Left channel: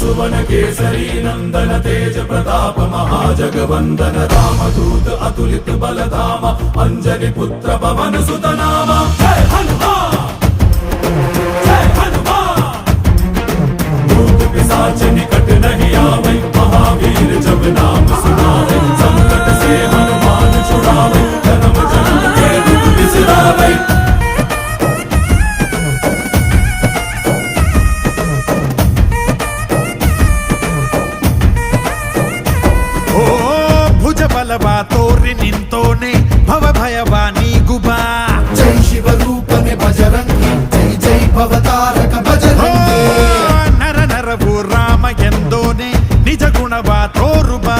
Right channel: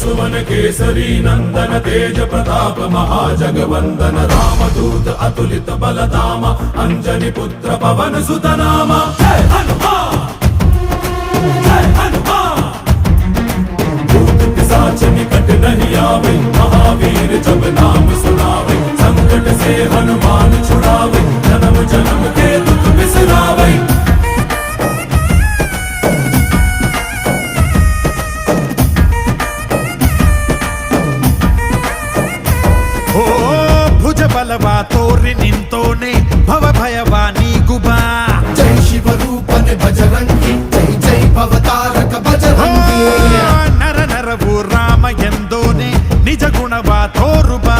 सुवन केसरी नंदन तेज प्रताप महाजगवंदन रामदूत अतुलित बलधाम अंजनी पुत्र पवन सुत नाम जय हनुमान जय हनुमान। भूत पिशाच निकट नहीं आवे महावीर जब नाम सुनावे संकट से हनुमान छुड़ावे जन्म जन्म के दुख बिसरावे। ಓ ಭುಜ ಬಲವಾ ತೋರಿ ನಿಂತೋನೆ ಭವ ಭಯವಾ ನೀಗುಬಾ ಜೈ ಶಿವ ರೂಪನೆ ಬಜರಂಗಿ ಜೈ ಜೈ ಭವತಾರಕ ಬಜರಂಗಿ ನರ ನರವು ರಾಮ ಎಂದೋನೆ ನಿಜ ಗುಣವಾ ತೋರುಬಾ